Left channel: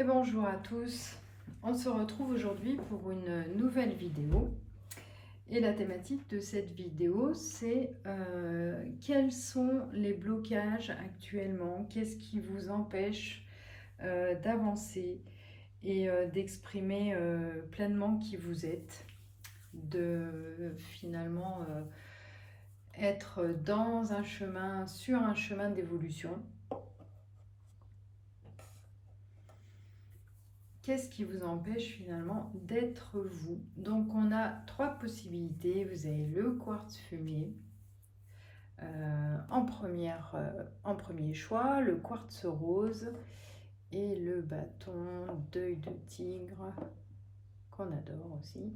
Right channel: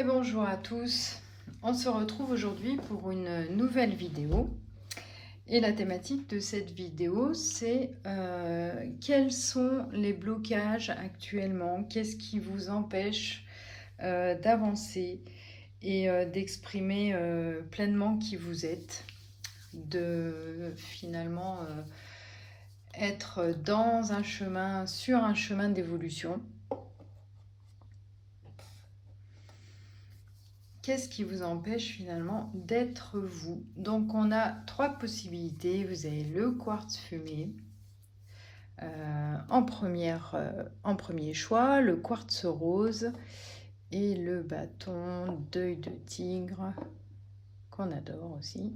Et bonjour à tous, on se retrouve aujourd'hui pour une nouvelle vidéo et la thématique de cette vidéo c'est quels sont les blocages actuellement, qu'est-ce qui vous empêche d'avancer et d'exprimer pleinement qui vous êtes, de finalement être dans un chemin, sur un chemin d'évolution. Qu'est-ce qui vous empêche finalement d'être vous? Donc on a trois possibilités. Vous avez le quartz fumé en premier choix, le quartz rose et le bâton d'œil de tigre qu'on adore aussi.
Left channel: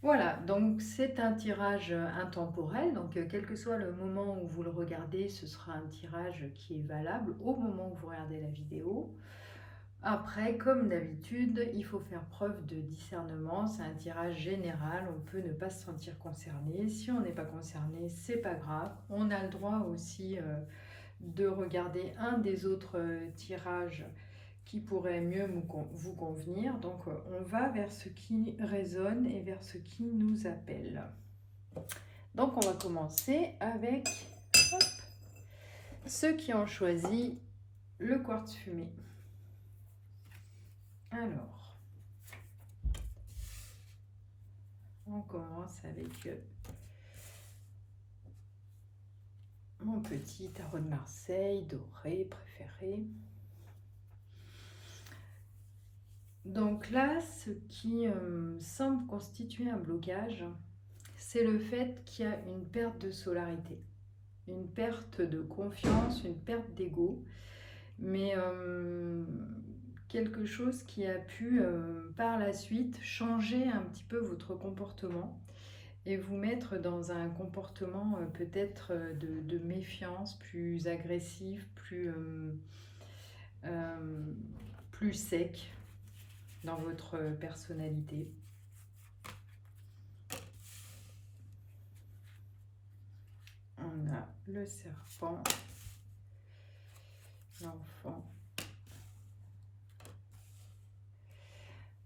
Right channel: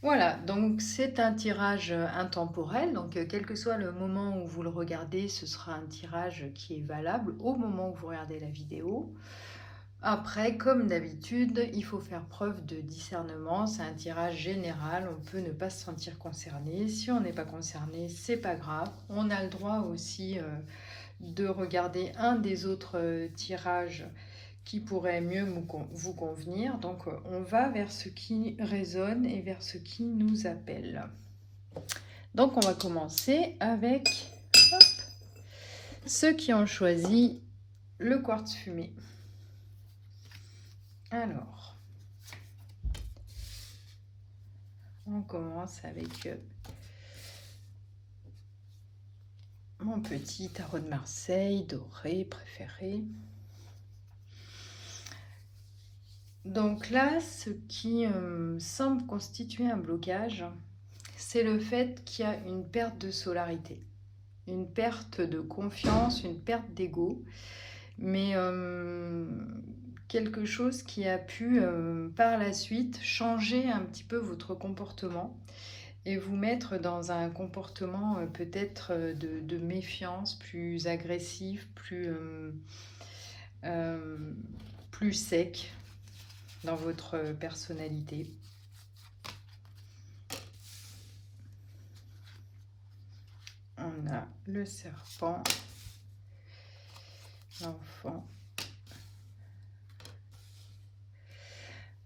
Voilà, donc c'est un tirage intemporel, donc quel que soit le moment où vous le regardez, ce sera un tirage qui est valable au moment où vous regardez la vidéo. Après, comme d'habitude, il faut faire preuve de discernement. C'est un tirage général, on peut ne pas se sentir concerné. Si on n'est pas concerné, c'est pas grave. On a le droit aussi de regarder un des autres tirages qui pourrait mieux vous convenir. Donc on va vers ce qui résonne et vers ce qui nous appelle. Donc on va commencer avec ceux qui ont choisi le quartz fumé. Alors, on commence avec mon petit tarot de Marseille, doré, préféré. Donc là, ce qui semble constituer un blocage, c'est le fait qu'il y a une perte de solarité, une perte de confiance, une perte d'ego, mais quelque chose qui a pu par la suite changer un petit peu votre comportement et vous mettre dans un comportement peut-être de méfiance, plus agressif, plus sec dans votre personnalité. On a le serpent, l'enfant.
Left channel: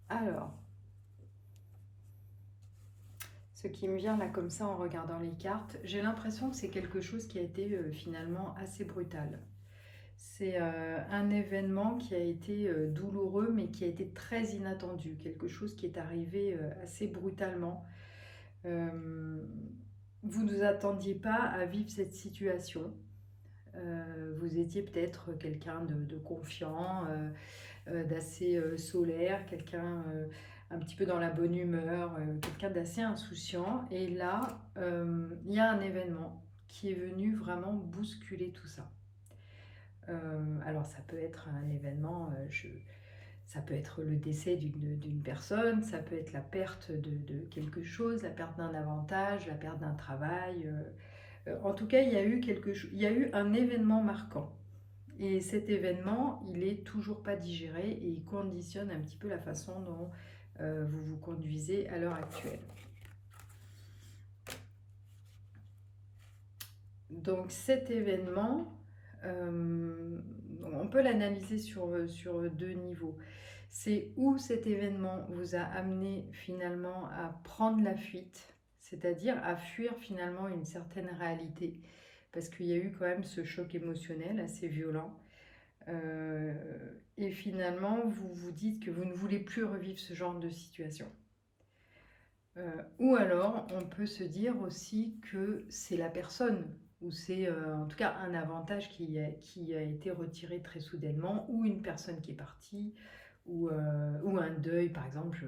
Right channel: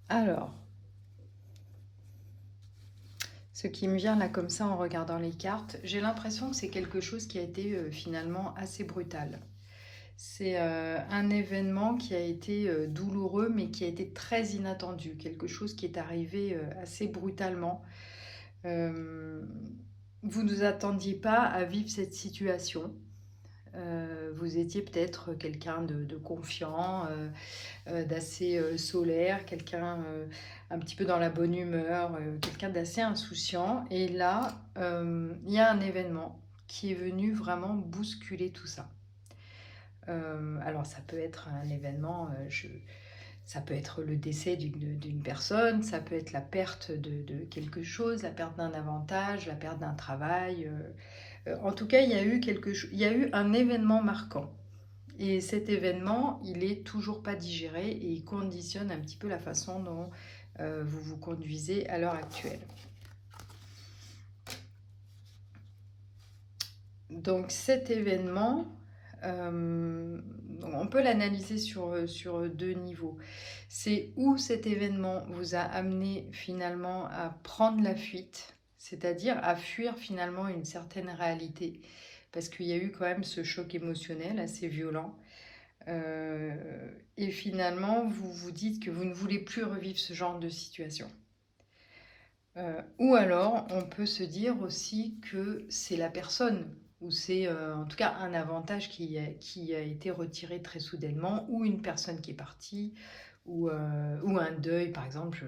Alors, ce qui me vient là comme ça en regardant les cartes, j'ai l'impression que c'est quelque chose qui a été finalement assez brutal. C'est un événement qui a été douloureux mais qui a été très inattendu, quelque chose qui est arrivé assez brutalement. Vous ne vous attendiez pas à vivre cette situation. Vous étiez peut-être quelqu'un de confiant, d'assez solaire, quelqu'un un petit peu dans la bonne humeur, quelqu'un d'assez insouciant. Et là, il y a un événement qui est venu vraiment bousculer tout ça. Alors ça peut être un événement, ça peut être le décès d'une personne, ça peut être la perte de quelque chose, la perte d'un avantage, la perte d'un travail. En tout cas, il y a eu il y a eu un événement marquant. Et cet événement, il est toujours pas digéré et il conditionne un petit peu la façon dont vous vous conduisez à l'heure actuelle. Donc cet événement, on peut l'analyser sur deux niveaux. C'est où cet événement vous a amené finalement à prendre la fuite, c'est-à-dire à fuir finalement une certaine réalité, parce qu'il y a eu quand même ce choc émotionnel assez violent. Et finalement, vous vous dites que vous ne voulez plus revivre ce genre de situation. Ou alors, on peut se dire aussi que c'est la personne, ou c'est en tout cas un avantage qui a été retiré très soudainement, ou une personne qui est partie, ou un deuil, par exemple,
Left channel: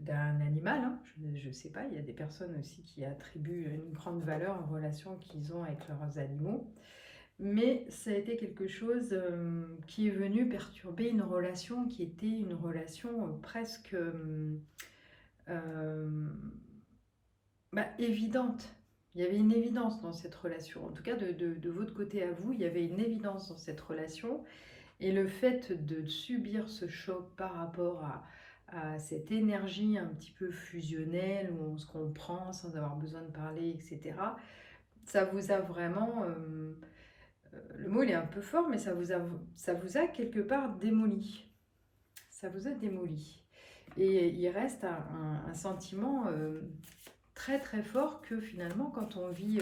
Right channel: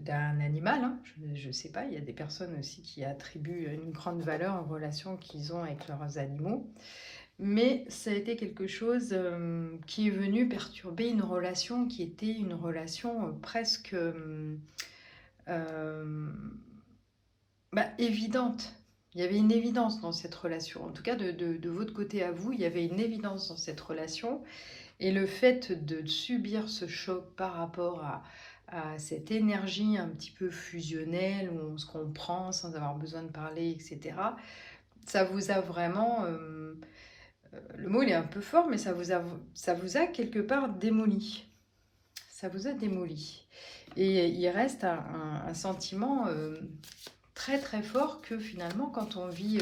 d'un animal. Hein. Je ne sais pas, il y a des personnes aussi qui attribuent une grande valeur aux relations qu'ils ont avec leurs animaux. Mais ça a été quelque chose qui est venu perturber une relation qui était une relation presque évidente. Il y avait une évidence dans cette relation. En tout cas, de votre côté à vous, il y avait une évidence dans cette relation. Et le fait de subir ce choc par rapport à cette énergie un petit peu fusionnelle, où on se comprend sans avoir besoin de parler, etc., ça vous a vraiment le mot il est un peu fort, mais ça vous a quelque part démoli. Ça vous a démoli. Et il reste un sentiment très très fort que finalement, quand on vit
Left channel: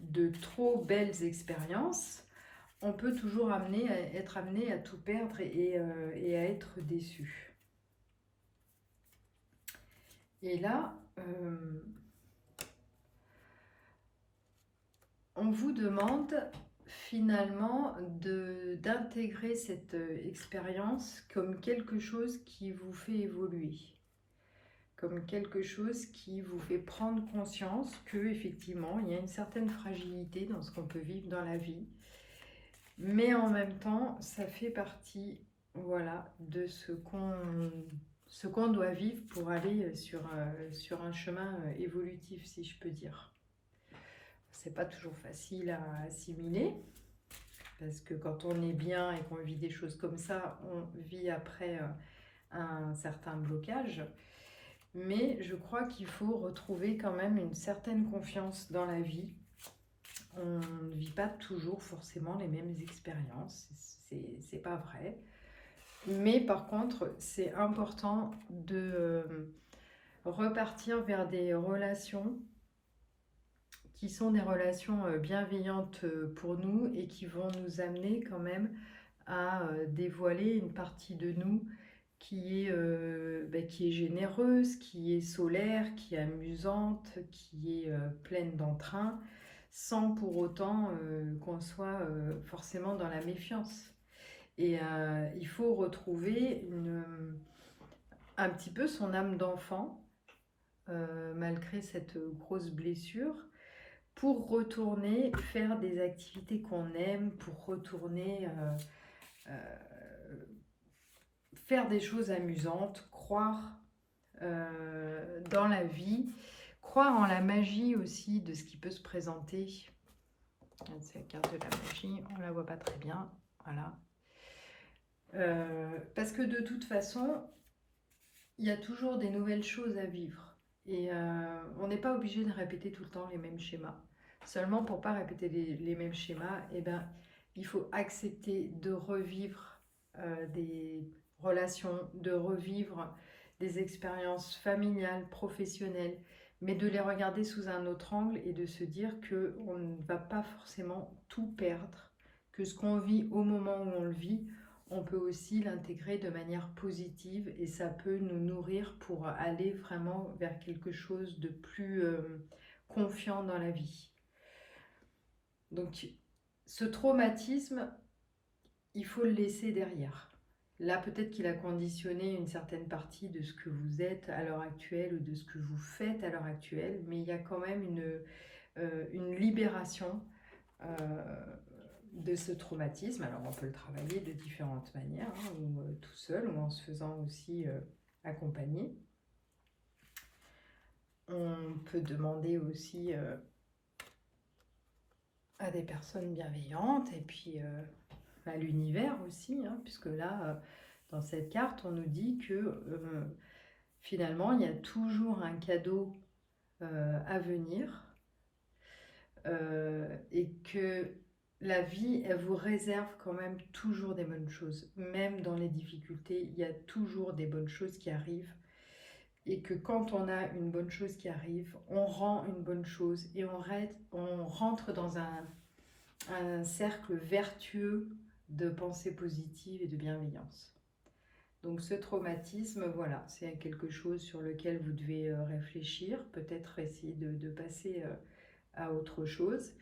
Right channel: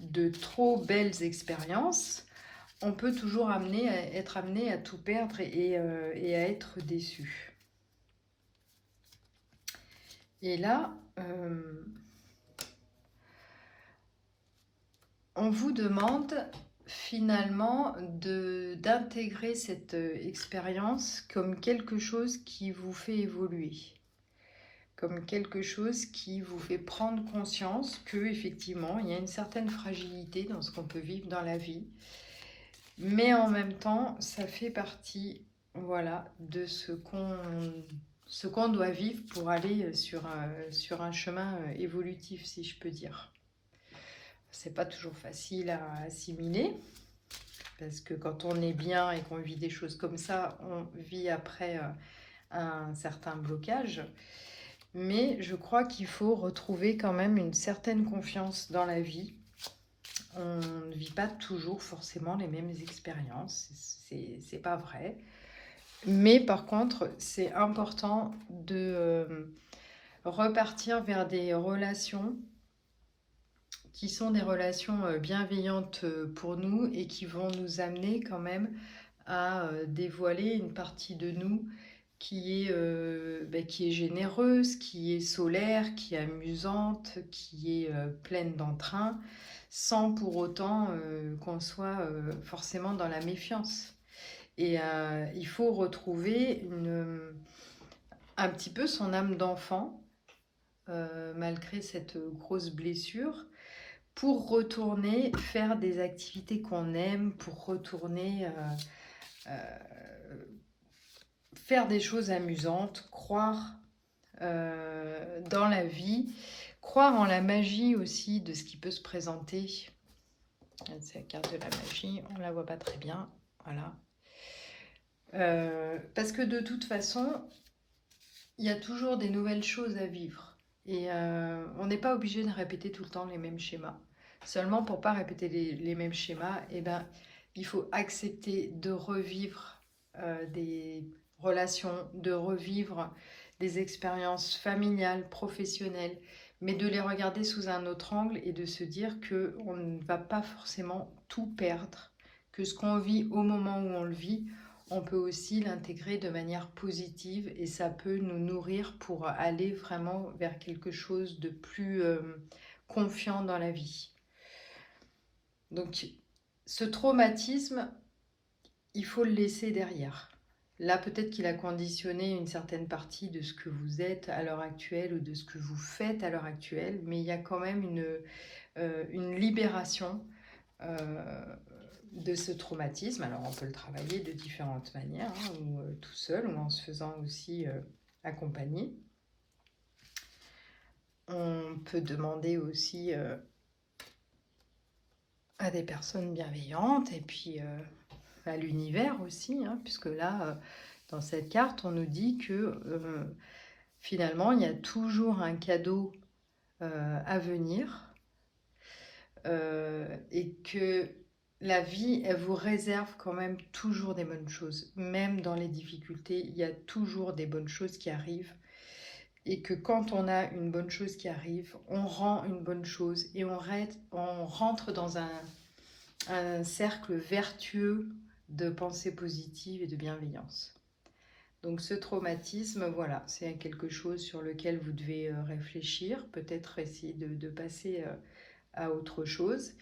de trop belles expériences, on peut toujours être amené à tout perdre et à être déçu. Et là, on vous demande finalement d'intégrer cette expérience comme quelque chose qui vous fait évoluer, comme quelque chose qui vous fait prendre conscience que effectivement il y a une certaine fragilité dans ce qu'on peut vivre dans la vie, mais en même temps ça fait partie, voilà, de ce qu'on doit vivre pour aller sur un chemin évolutif, si je peux dire. C'est pas toujours facile à assimiler, parce que quand on est bien et qu'on vit des choses comme ça, on vit après un certain blocage. Mais je crois qu'il faut retrouver quand même une certaine confiance dans la vie. On ne vit pas toujours forcément les mêmes expériences, c'est pas vrai. Mais par contre, c'est important de repartir vers des relations qui sont des relations bienveillantes pour nous et qui vont nous amener quand même à dévoiler une partie de nous qui est généreuse, qui est solaire, qui est amusante, qui est pleine d'entrain, sans pour autant qu'on soit forcément dans la méfiance. Et il faut retrouver un petit peu son âme d'enfant, malgré cette grosse blessure, pour retourner faire des activités qu'on aime, pour retourner faire des choses amusantes, croire dans la vie, croire en la magie aussi de ce qui peut se présenter. C'est la carte de la magie, on ne la voit pas très bien, voilà. Parce que de toute façon, il y a toujours des nouvelles choses à vivre. Et on n'est pas obligé de répéter tout le temps les mêmes schémas. Seulement pour ne pas répéter les mêmes schémas, il faut accepter de revivre des relations, de revivre des expériences familiales, professionnelles, mais de les regarder sous un autre angle et de se dire qu'on ne va pas forcément tout perdre, que ce qu'on vit au moment où on le vit, on peut aussi l'intégrer de manière positive et ça peut nous nourrir pour aller vraiment vers quelque chose de plus confiant dans la vie. Donc, ce traumatisme, il faut le laisser derrière. Là, peut-être qu'il a conditionné une certaine partie de ce que vous êtes à l'heure actuelle ou de ce que vous faites à l'heure actuelle, mais il y a quand même une libération de ce traumatisme. Alors, on peut le travailler de différentes manières, hein, ou tout seul, ou en se faisant aussi accompagner. On peut demander aussi à des personnes bienveillantes et puis à l'univers aussi, hein, puisque là, dans cette carte, on nous dit que finalement, il y a toujours un cadeau à venir et que la vie, elle vous réserve quand même toujours des bonnes choses. Même dans les difficultés, il y a toujours des bonnes choses qui arrivent. Et que quand on a une bonne chose qui arrive, on rend une bonne chose et on rentre dans un cercle vertueux de pensée positive et de bienveillance. Donc ce traumatisme, voilà, c'est quelque chose sur lequel vous devez réfléchir, peut-être essayer de passer à autre chose,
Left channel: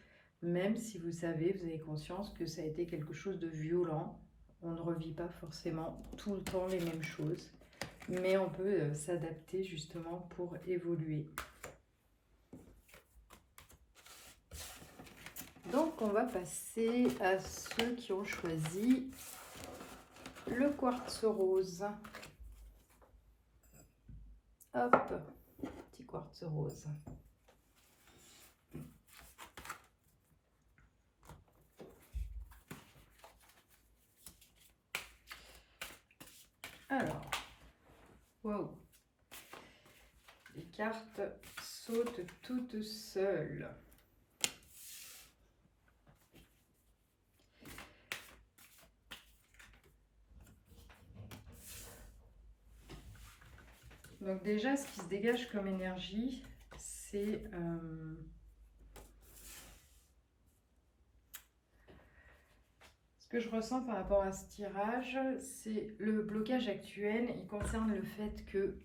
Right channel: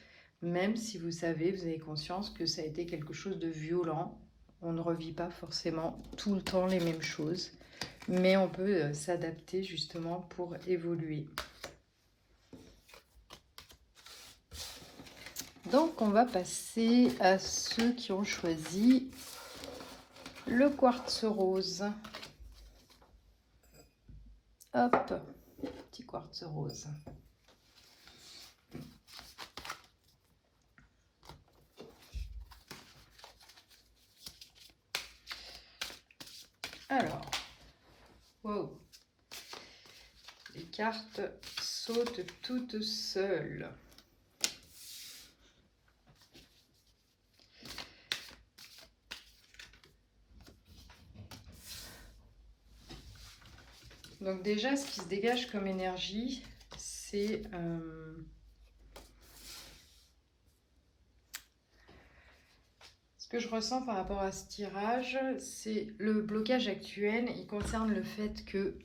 même si vous avez conscience que ça a été quelque chose de violent. On ne revit pas forcément tout le temps les mêmes choses, mais on peut s'adapter justement pour évoluer. Donc on va passer à ceux qui ont choisi le quartz rose. Hop, petit quartz rose. Alors, wow, les cartes sautent toutes seules. Donc déjà, ce qui se dégage comme énergie, c'est ce que je ressens par rapport à ce tirage, c'est le blocage actuel. Il concerne le fait que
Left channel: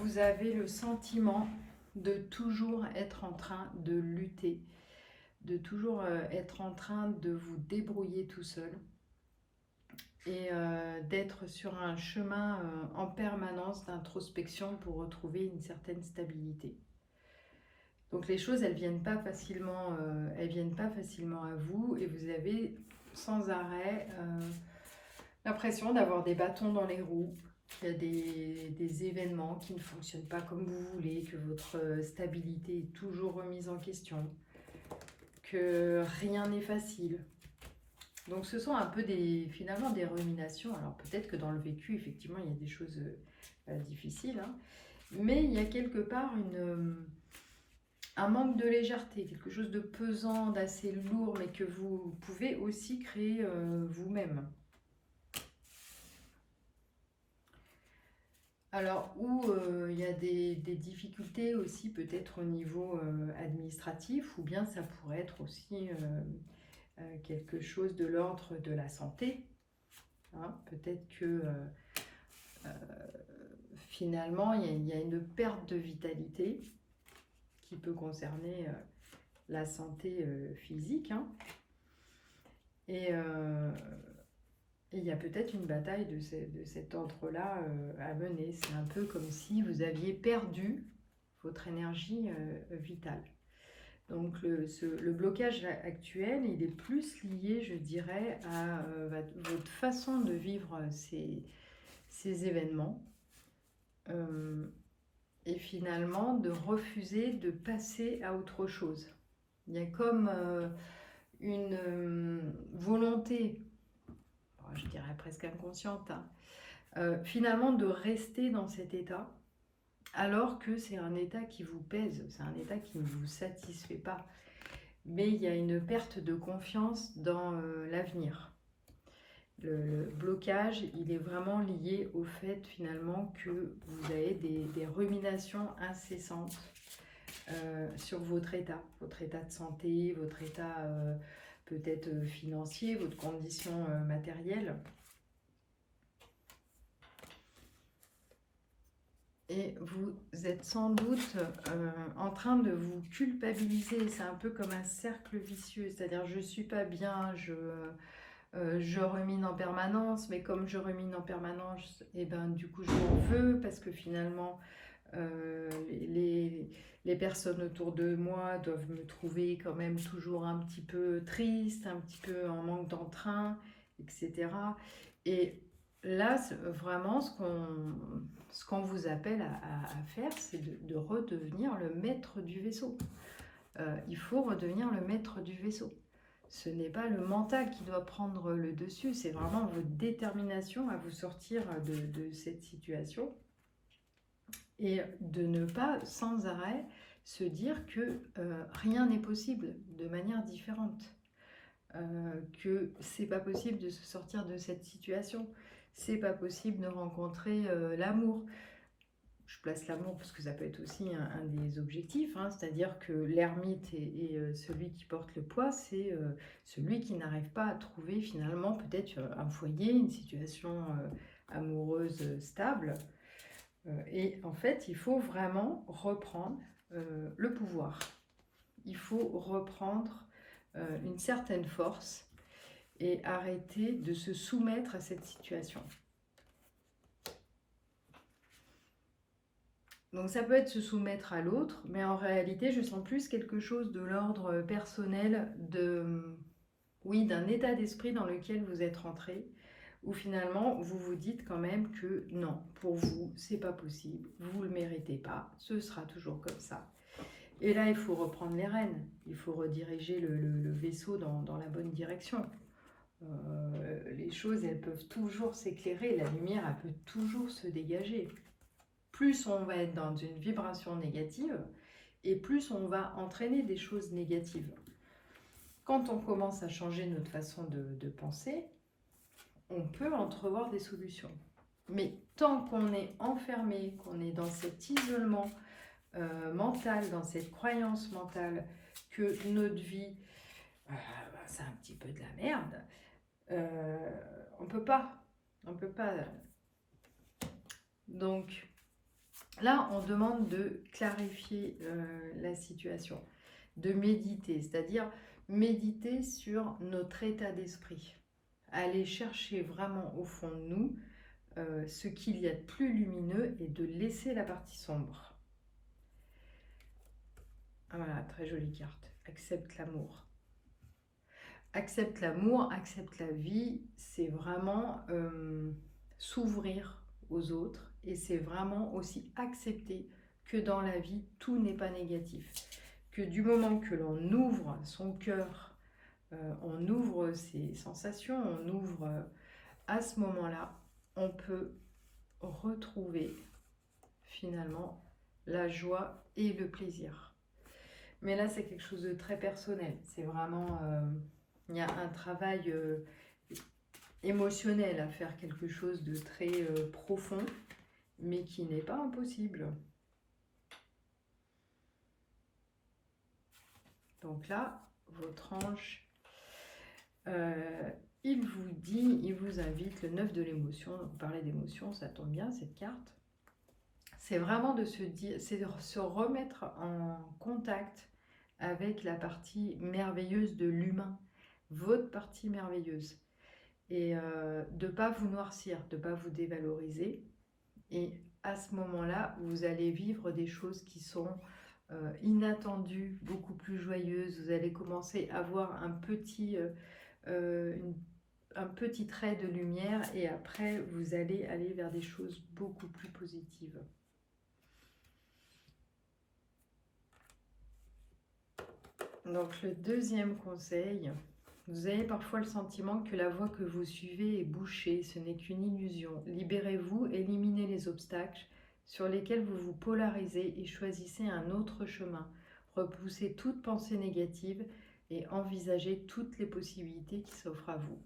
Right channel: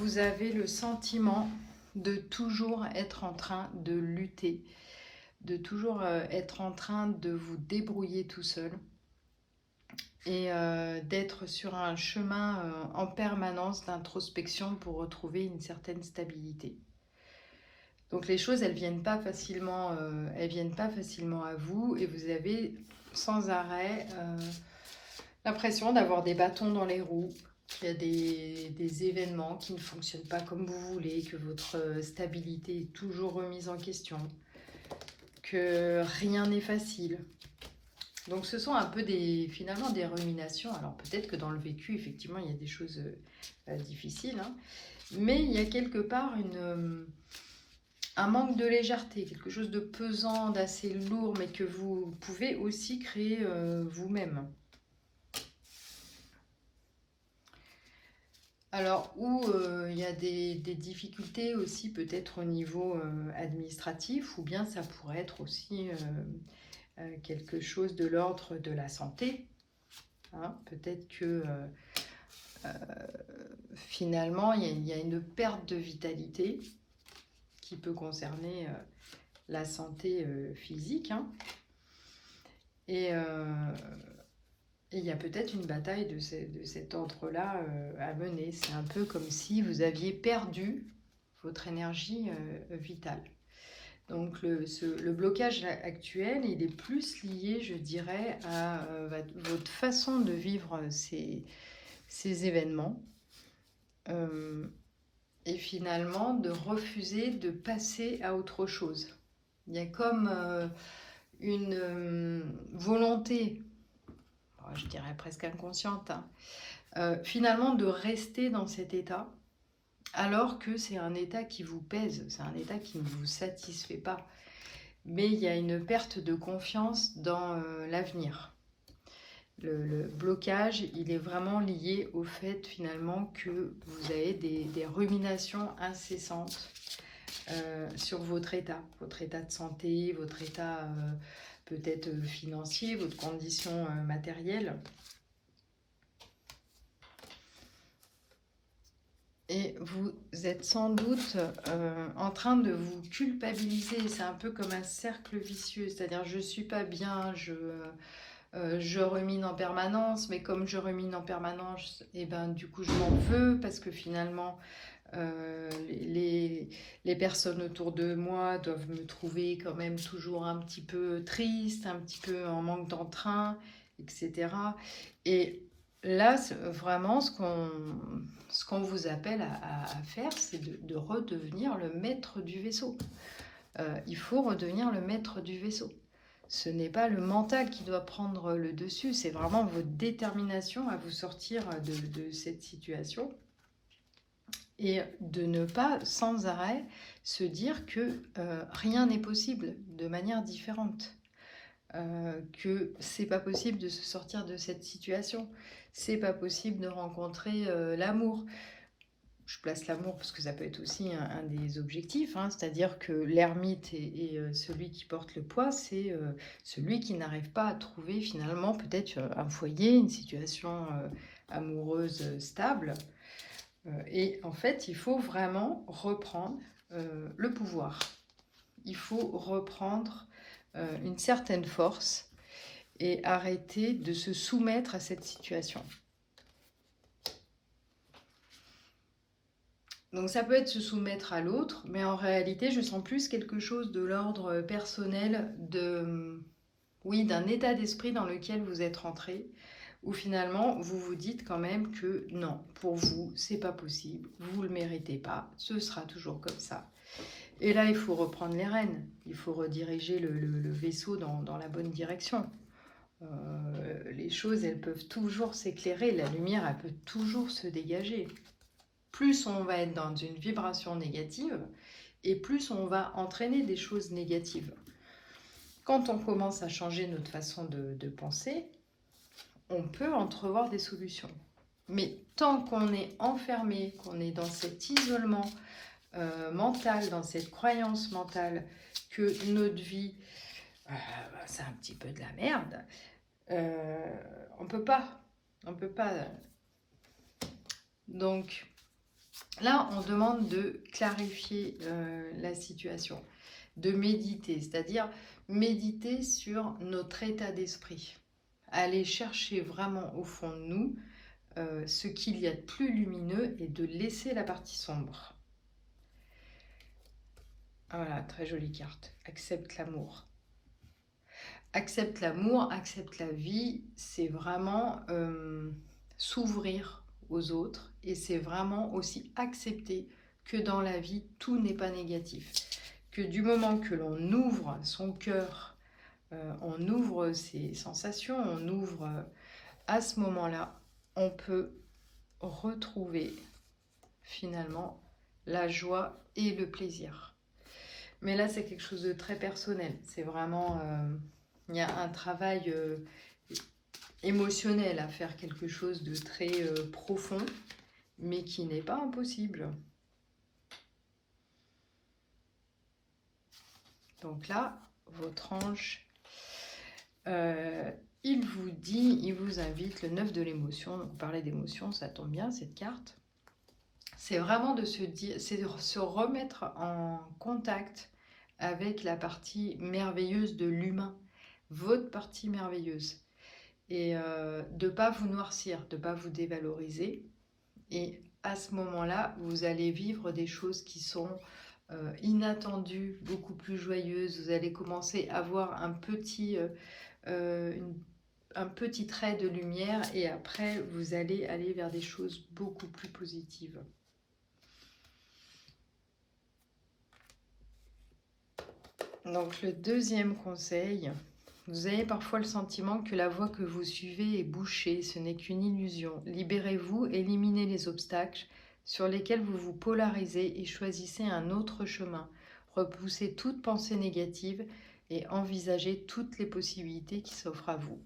vous avez le sentiment de toujours être en train de lutter, de toujours être en train de vous débrouiller tout seul et d'être sur un chemin en permanence d'introspection pour retrouver une certaine stabilité. Donc les choses, elles viennent pas facilement à vous et vous avez sans arrêt l'impression d'avoir des bâtons dans les roues, qu'il y a des événements qui ne fonctionnent pas comme vous voulez, que votre stabilité est toujours remise en question, que rien n'est facile. Donc ce sont un peu finalement des ruminations. Alors peut-être que dans le vécu, effectivement, il y a des choses difficiles, hein, mais il y a quelque part un manque de légèreté, quelque chose de pesant, d'assez lourd, mais que vous pouvez aussi créer vous-même. Alors, où il y a des difficultés aussi peut-être au niveau administratif, ou bien ça pourrait être aussi quelque chose de l'ordre de la santé. Hein. Peut-être que finalement, il y a une perte de vitalité qui peut concerner la santé physique. Hein. Et il y a peut-être une bataille de cet ordre-là à mener. C'est un peu comme si vous aviez perdu votre énergie vitale. Donc le blocage actuel, il est plus lié, je dirais, à votre façon de vivre ces événements. Et finalement, de refuser de passer à autre chose. Il y a comme une volonté, je dirais presque inconsciente, hein, finalement de rester dans cet état, alors que c'est un état qui vous pèse, c'est un état qui ne vous satisfait pas. Mais il y a une perte de confiance dans l'avenir. Le blocage, il est vraiment lié au fait finalement que vous avez des ruminations incessantes sur votre état de santé, votre état peut-être financier, votre condition matérielle. Et vous êtes sans doute en train de vous culpabiliser. C'est un peu comme un cercle vicieux, c'est-à-dire je ne suis pas bien, je rumine en permanence, mais comme je rumine en permanence, et ben, du coup je m'en veux parce que finalement les personnes autour de moi doivent me trouver quand même toujours un petit peu triste, un petit peu en manque d'entrain, etc. Et là, vraiment, ce qu'on vous appelle à faire, c'est de redevenir le maître du vaisseau. Il faut redevenir le maître du vaisseau. Ce n'est pas le mental qui doit prendre le dessus, c'est vraiment votre détermination à vous sortir de cette situation et de ne pas sans arrêt se dire que rien n'est possible de manière différente, que c'est pas possible de se sortir de cette situation, c'est pas possible de rencontrer l'amour. Je place l'amour parce que ça peut être aussi un des objectifs, hein, c'est-à-dire que l'ermite et celui qui porte le poids, c'est celui qui n'arrive pas à trouver finalement peut-être un foyer, une situation amoureuse stable. Et en fait, il faut vraiment reprendre le pouvoir. Il faut reprendre une certaine force et arrêter de se soumettre à cette situation. Donc ça peut être se soumettre à l'autre, mais en réalité, je sens plus quelque chose de l'ordre personnel, d'un état d'esprit dans lequel vous êtes rentré, où finalement, vous vous dites quand même que non, pour vous, c'est pas possible, vous le méritez pas, ce sera toujours comme ça. Et là, il faut reprendre les rênes, il faut rediriger le vaisseau dans la bonne direction. Les choses, elles peuvent toujours s'éclairer, la lumière, elle peut toujours se dégager. Plus on va être dans une vibration négative, et plus on va entraîner des choses négatives. Quand on commence à changer notre façon de penser, on peut entrevoir des solutions. Mais tant qu'on est enfermé, qu'on est dans cet isolement mental, dans cette croyance mentale que notre vie, c'est un petit peu de la merde, on peut pas. On peut pas. Donc là, on demande de clarifier la situation, de méditer, c'est-à-dire méditer sur notre état d'esprit. Aller chercher vraiment au fond de nous ce qu'il y a de plus lumineux et de laisser la partie sombre. Voilà, très jolie carte. Accepte l'amour. Accepte l'amour, accepte la vie, c'est vraiment s'ouvrir aux autres et c'est vraiment aussi accepter que dans la vie, tout n'est pas négatif. Que du moment que l'on ouvre son cœur, on ouvre ses sensations, on ouvre à ce moment-là, on peut retrouver finalement la joie et le plaisir. Mais là, c'est quelque chose de très personnel. C'est vraiment... il y a un travail émotionnel à faire, quelque chose de très profond, mais qui n'est pas impossible. Donc là, votre ange, il vous dit, il vous invite, le 9 de l'émotion. Vous parlez d'émotion, ça tombe bien, cette carte. C'est vraiment de se dire, c'est de se remettre en contact avec la partie merveilleuse de l'humain, votre partie merveilleuse. Et de ne pas vous noircir, de ne pas vous dévaloriser. Et à ce moment-là, vous allez vivre des choses qui sont inattendues, beaucoup plus joyeuses. Vous allez commencer à voir un petit trait de lumière et après, vous allez aller vers des choses beaucoup plus positives. Donc le deuxième conseil, vous avez parfois le sentiment que la voie que vous suivez est bouchée, ce n'est qu'une illusion. Libérez-vous, éliminez les obstacles sur lesquels vous vous polarisez et choisissez un autre chemin. Repoussez toute pensée négative et envisagez toutes les possibilités qui s'offrent à vous.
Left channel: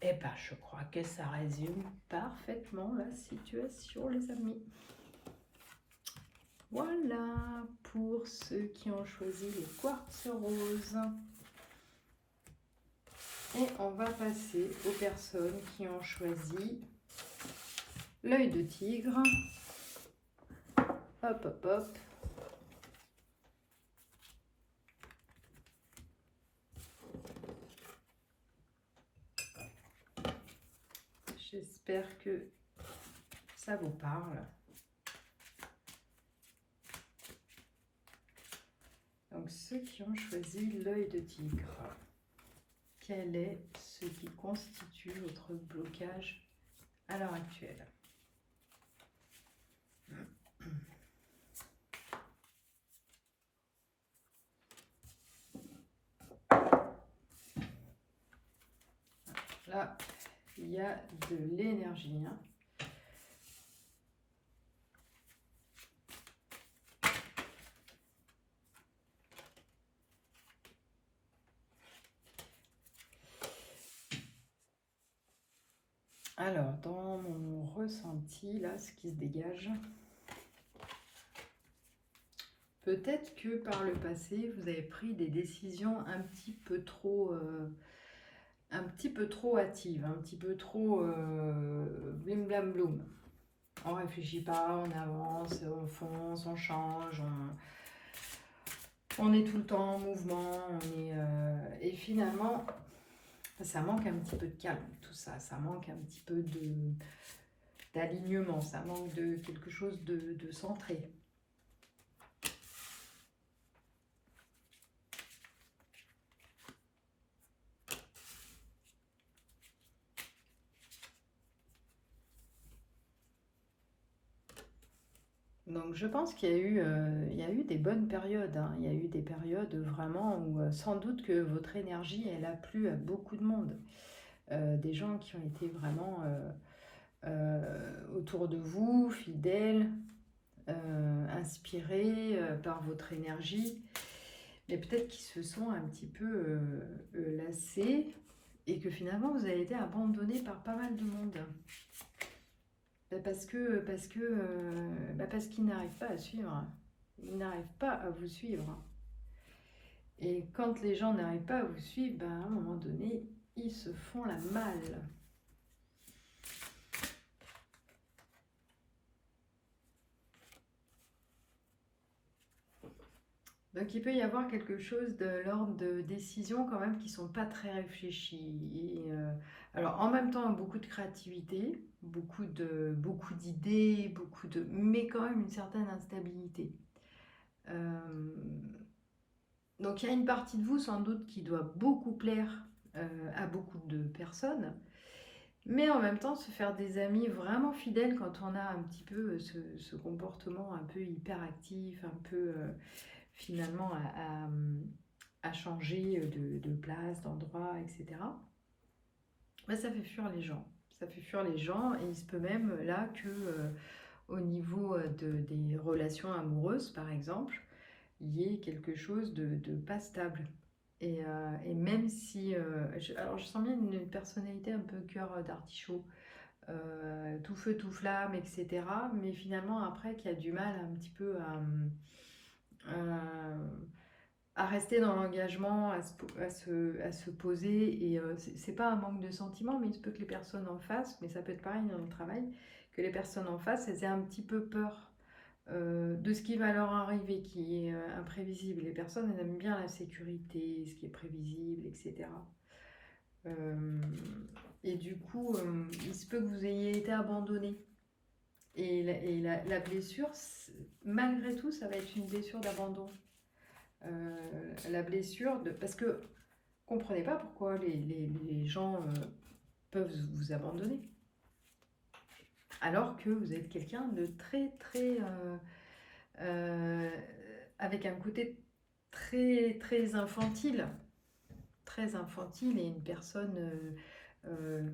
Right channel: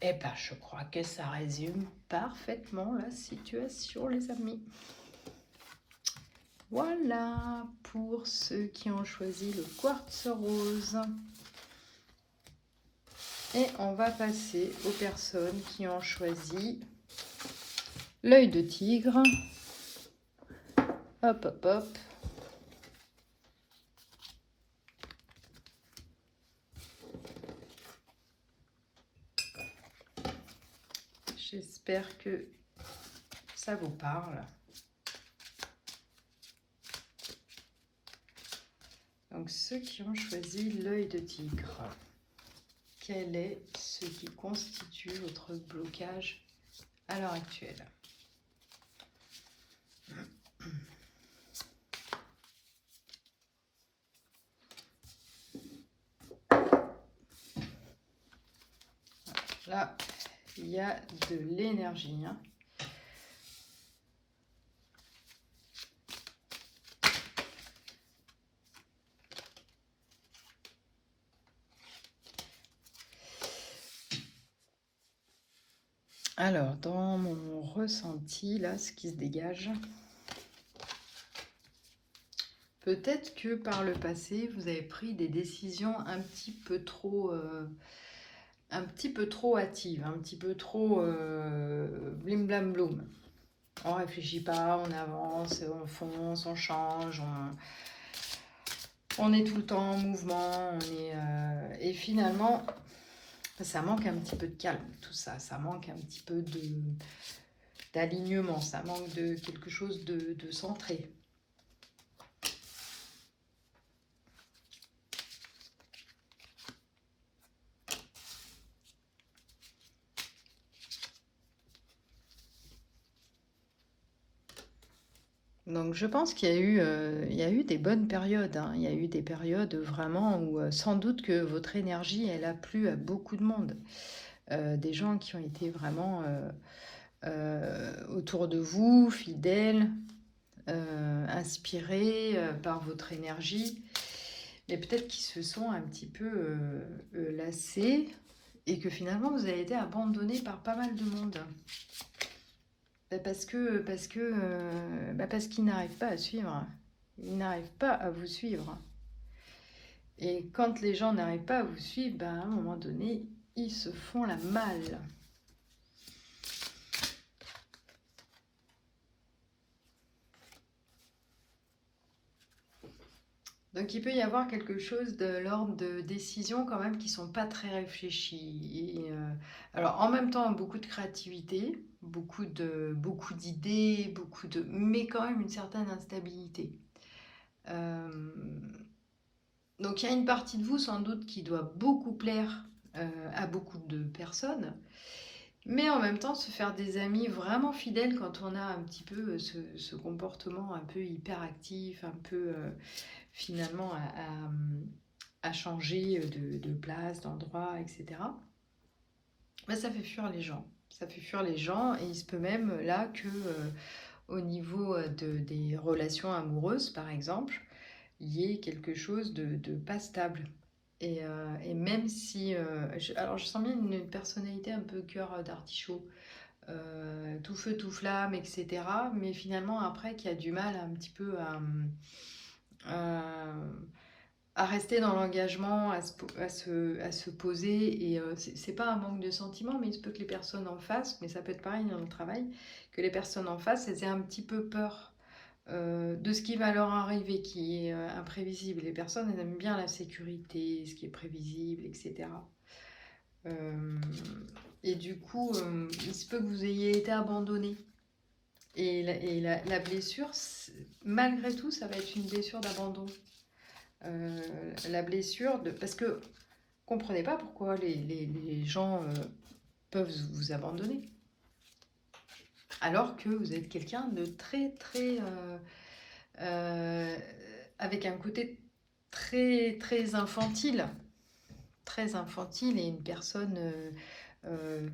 Eh bien, je crois que ça résume parfaitement la situation, les amis. Voilà pour ceux qui ont choisi le quartz rose. Et on va passer aux personnes qui ont choisi l'œil de tigre. Hop, hop, hop. J'espère que ça vous parle. Donc, ceux qui ont choisi l'œil de tigre, quel est ce qui constitue votre blocage à l'heure actuelle? Là, il y a de l'énergie. Hein. Alors, dans mon ressenti, là, ce qui se dégage, peut-être que par le passé, vous avez pris des décisions un petit peu trop hâtives, un petit peu trop blim blam bloum. On réfléchit pas, on avance, on fonce, on change, on est tout le temps en mouvement, et finalement, ça manque un petit peu de calme, tout ça. Ça manque un petit peu d'alignement, ça manque de quelque chose de centré. Donc je pense qu'il y a eu des bonnes périodes. Hein. Il y a eu des périodes vraiment où sans doute que votre énergie, elle a plu à beaucoup de monde. Des gens qui ont été vraiment autour de vous, fidèles, inspirés par votre énergie. Mais peut-être qu'ils se sont un petit peu lassés et que finalement vous avez été abandonné par pas mal de monde. Parce qu'ils n'arrivent pas à suivre. Ils n'arrivent pas à vous suivre. Et quand les gens n'arrivent pas à vous suivre, à un moment donné, ils se font la malle. Donc il peut y avoir quelque chose de l'ordre de décisions quand même qui sont pas très réfléchies. Alors en même temps beaucoup de créativité, beaucoup d'idées, mais quand même une certaine instabilité. Donc il y a une partie de vous sans doute qui doit beaucoup plaire à beaucoup de personnes, mais en même temps se faire des amis vraiment fidèles quand on a un petit peu ce comportement un peu hyperactif, un peu finalement à changer de place, d'endroit, etc. Ça fait fuir les gens. Ça fait fuir les gens et il se peut même là que au niveau des relations amoureuses, par exemple, il y ait quelque chose de pas stable. Et même si... alors je sens bien une personnalité un peu cœur d'artichaut, tout feu, tout flamme, etc. Mais finalement après qui a du mal un petit peu à rester dans l'engagement, à se poser. Et c'est pas un manque de sentiments, mais il se peut que les personnes en face, mais ça peut être pareil dans le travail, que les personnes en face, elles aient un petit peu peur de ce qui va leur arriver, qui est imprévisible. Les personnes, elles aiment bien la sécurité, ce qui est prévisible, etc. Et du coup, il se peut que vous ayez été abandonné. Et la blessure, malgré tout, ça va être une blessure d'abandon. La blessure, parce que comprenez pas pourquoi les gens peuvent vous abandonner. Alors que vous êtes quelqu'un de très, très... avec un côté très, très infantile. Très infantile et une personne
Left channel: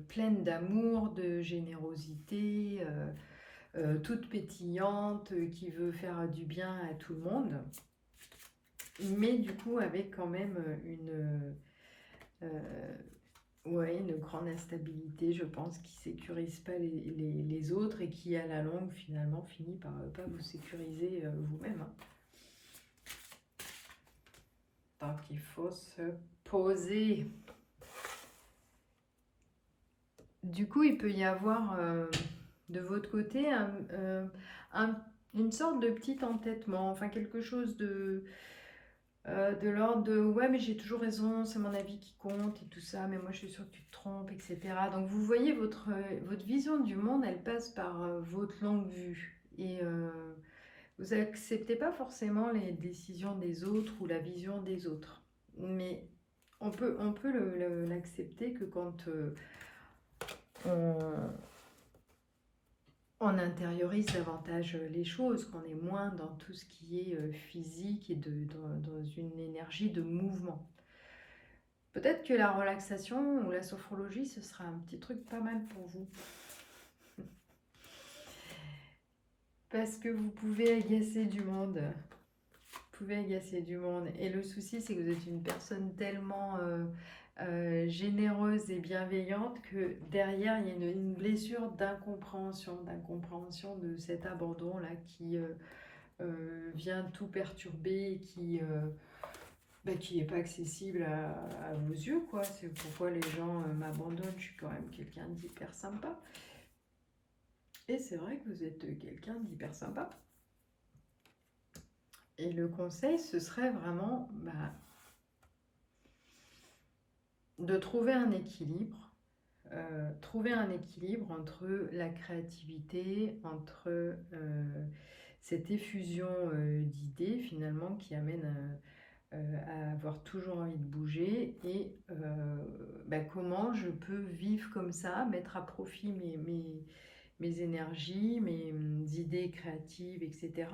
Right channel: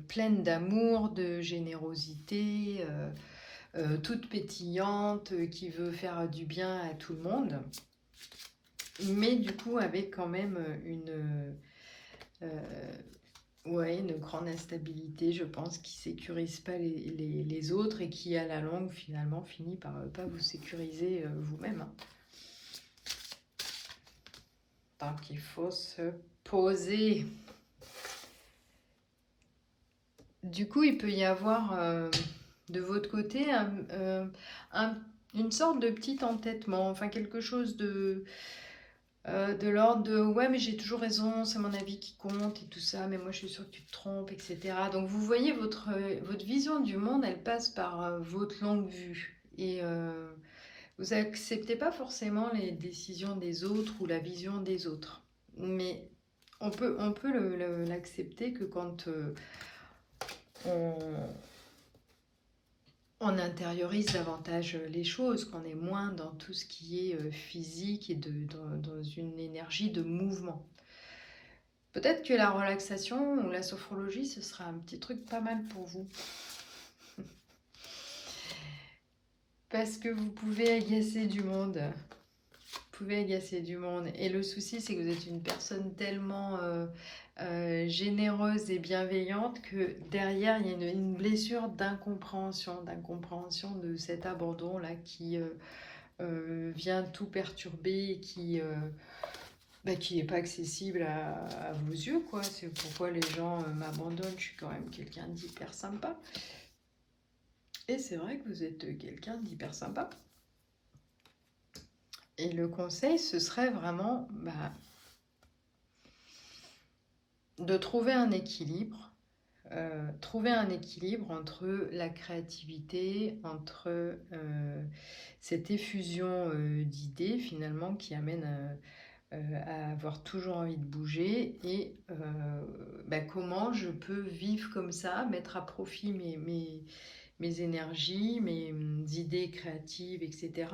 pleine d'amour, de générosité, toute pétillante, qui veut faire du bien à tout le monde. Mais du coup, avec quand même une grande instabilité, je pense, qui sécurise pas les autres et qui, à la longue, finalement, finit par pas vous sécuriser vous-même. Donc, il faut se poser. Du coup, il peut y avoir de votre côté une sorte de petit entêtement, enfin quelque chose de l'ordre de ouais, mais j'ai toujours raison, c'est mon avis qui compte et tout ça, mais moi je suis sûre que tu te trompes, etc. Donc vous voyez, votre vision du monde, elle passe par votre longue vue. Et vous acceptez pas forcément les décisions des autres ou la vision des autres. Mais on peut l'accepter que quand on intériorise davantage les choses, qu'on est moins dans tout ce qui est physique et dans une énergie de mouvement. Peut-être que la relaxation ou la sophrologie, ce sera un petit truc pas mal pour vous. Parce que vous pouvez agacer du monde. Vous pouvez agacer du monde. Et le souci, c'est que vous êtes une personne tellement généreuse et bienveillante que derrière, il y a une blessure d'incompréhension de cet abandon-là qui vient tout perturber et qui n'est pas accessible à vos yeux, quoi. C'est pourquoi les gens m'abandonnent. Je suis quand même quelqu'un d'hyper sympa. Et c'est vrai que vous êtes quelqu'un d'hyper sympa. Et le conseil, ce serait vraiment de trouver un équilibre. Trouver un équilibre entre la créativité, entre cette effusion d'idées finalement qui amène à avoir toujours envie de bouger et comment je peux vivre comme ça, mettre à profit mes énergies, mes idées créatives, etc.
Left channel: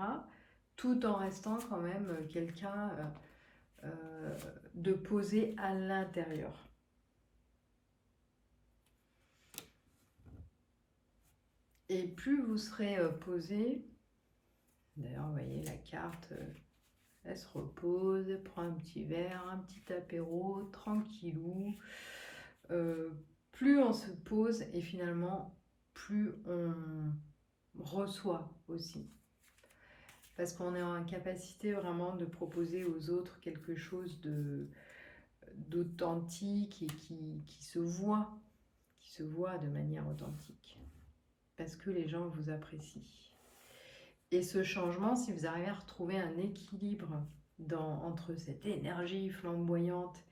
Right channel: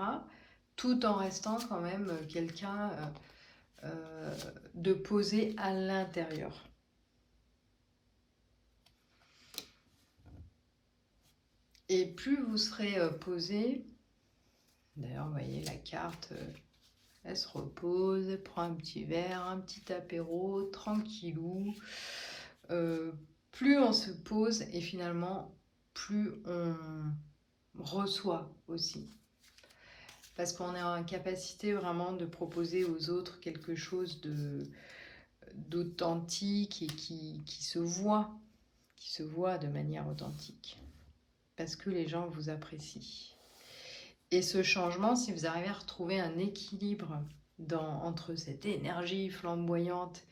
Tout en restant quand même quelqu'un de posé à l'intérieur. Et plus vous serez posé, d'ailleurs vous voyez la carte, elle se repose, elle prend un petit verre, un petit apéro, tranquillou, plus on se pose et finalement, plus on reçoit aussi. Parce qu'on est en capacité vraiment de proposer aux autres quelque chose d'authentique et qui se voit de manière authentique. Parce que les gens vous apprécient. Et ce changement, si vous arrivez à retrouver un équilibre entre cette énergie flamboyante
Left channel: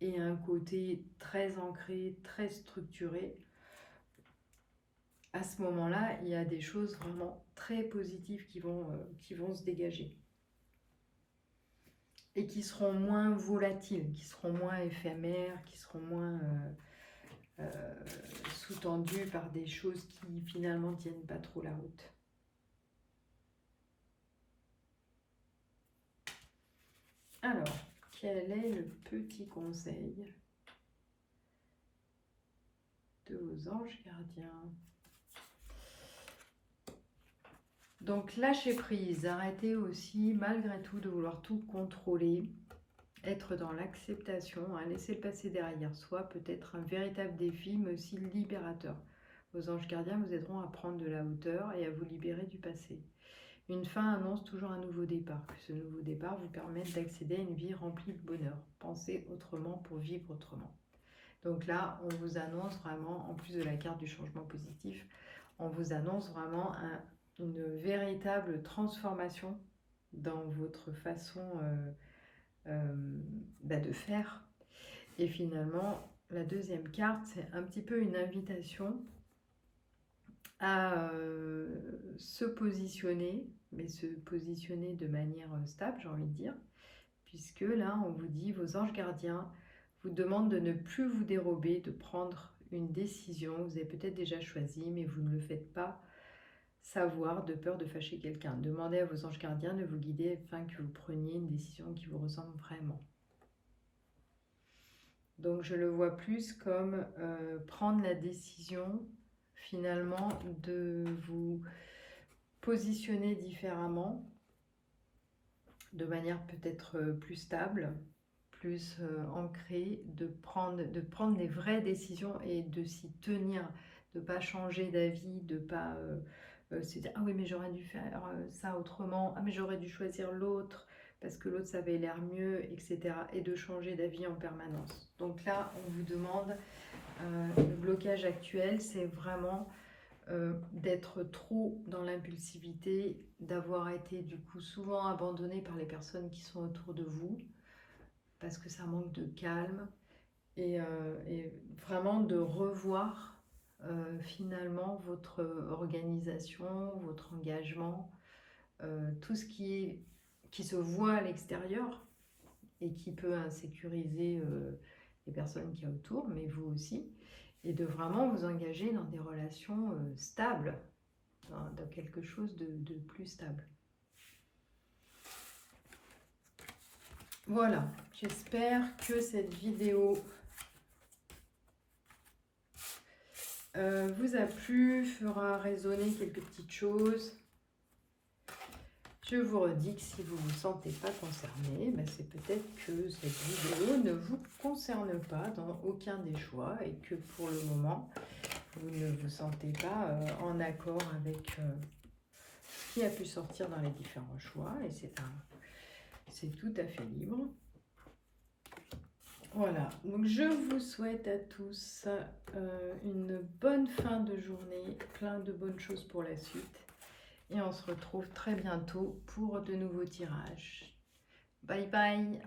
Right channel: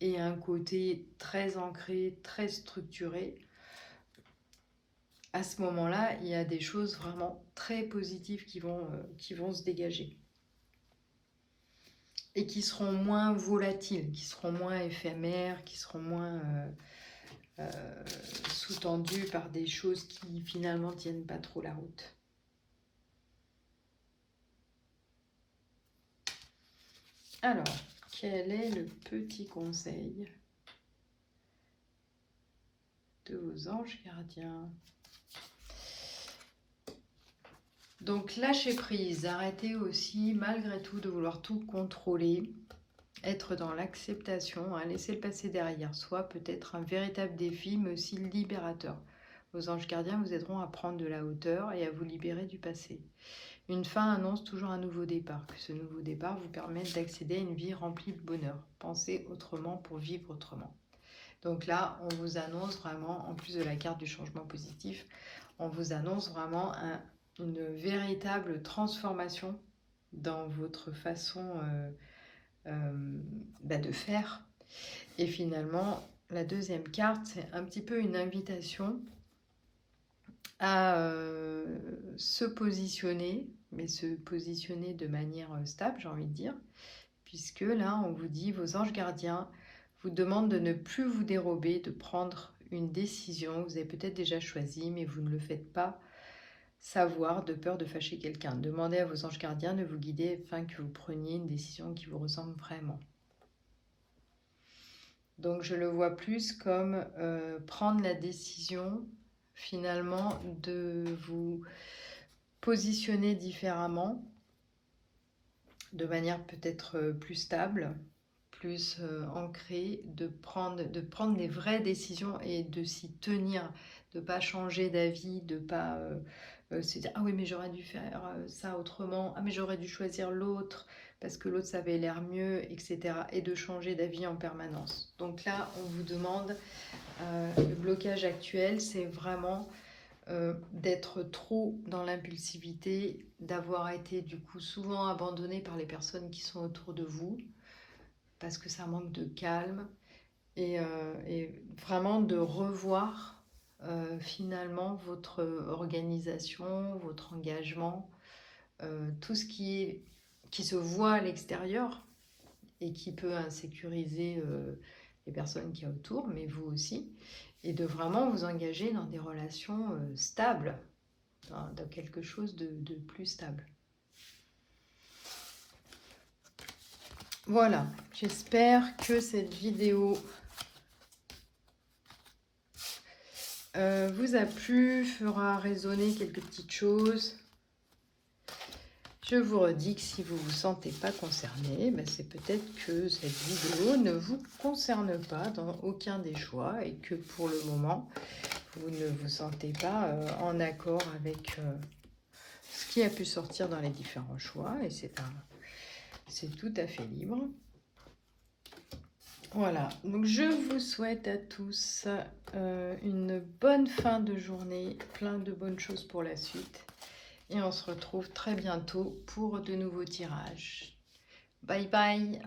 et un côté très ancré, très structuré, à ce moment-là, il y a des choses vraiment très positives qui vont se dégager. Et qui seront moins volatiles, qui seront moins éphémères, qui seront moins sous-tendues par des choses qui finalement tiennent pas trop la route. Alors, quel est le petit conseil de vos anges gardiens? Donc, lâchez prise, arrêtez aussi malgré tout de vouloir tout contrôler, être dans l'acceptation, laisser le passé derrière soi peut être un véritable défi, mais aussi libérateur. Vos anges gardiens vous aideront à prendre de la hauteur et à vous libérer du passé. Une fin annonce toujours un nouveau départ. Que ce nouveau départ vous permette d'accéder à une vie remplie de bonheur. Pensez autrement pour vivre autrement. Donc là, on vous annonce vraiment, en plus de la carte du changement positif, on vous annonce vraiment une véritable transformation dans votre façon de faire. Et finalement, la deuxième carte, c'est un petit peu une invitation à se positionner, mais se positionner de manière stable, j'ai envie de dire, puisque là, on vous dit, vos anges gardiens vous demandent de ne plus vous dérober, de prendre une décision. Vous avez peut-être déjà choisi, mais vous ne le faites pas savoir de peur de fâcher quelqu'un. Demandez à vos anges gardiens de vous guider afin que vous preniez une décision qui vous ressemble vraiment. Donc je le vois plus comme prendre la décision finalement de vous positionner différemment, de manière peut-être plus stable, plus ancrée, de prendre des vraies décisions et de s'y tenir, de ne pas changer d'avis, de ne pas se dire « Ah oui, mais j'aurais dû faire ça autrement, ah mais j'aurais dû choisir l'autre parce que l'autre ça avait l'air mieux, etc. » et de changer d'avis en permanence. Donc là, on vous demande, le blocage actuel, c'est vraiment d'être trop dans l'impulsivité, d'avoir été du coup souvent abandonné par les personnes qui sont autour de vous, parce que ça manque de calme, et vraiment de revoir finalement votre organisation, votre engagement, tout ce qui se voit à l'extérieur et qui peut insécuriser les personnes qui sont autour, mais vous aussi, et de vraiment vous engager dans des relations stables, dans quelque chose de plus stable. Voilà, j'espère que cette vidéo vous a plu, fera résonner quelques petites choses. Je vous redis que si vous ne vous sentez pas concerné, c'est peut-être que cette vidéo ne vous concerne pas dans aucun des choix et que pour le moment, vous ne vous sentez pas en accord avec ce qui a pu sortir dans les différents choix, et c'est tout à fait libre. Voilà, donc je vous souhaite à tous une bonne fin de journée, plein de bonnes choses pour la suite. Et on se retrouve très bientôt pour de nouveaux tirages. Bye bye!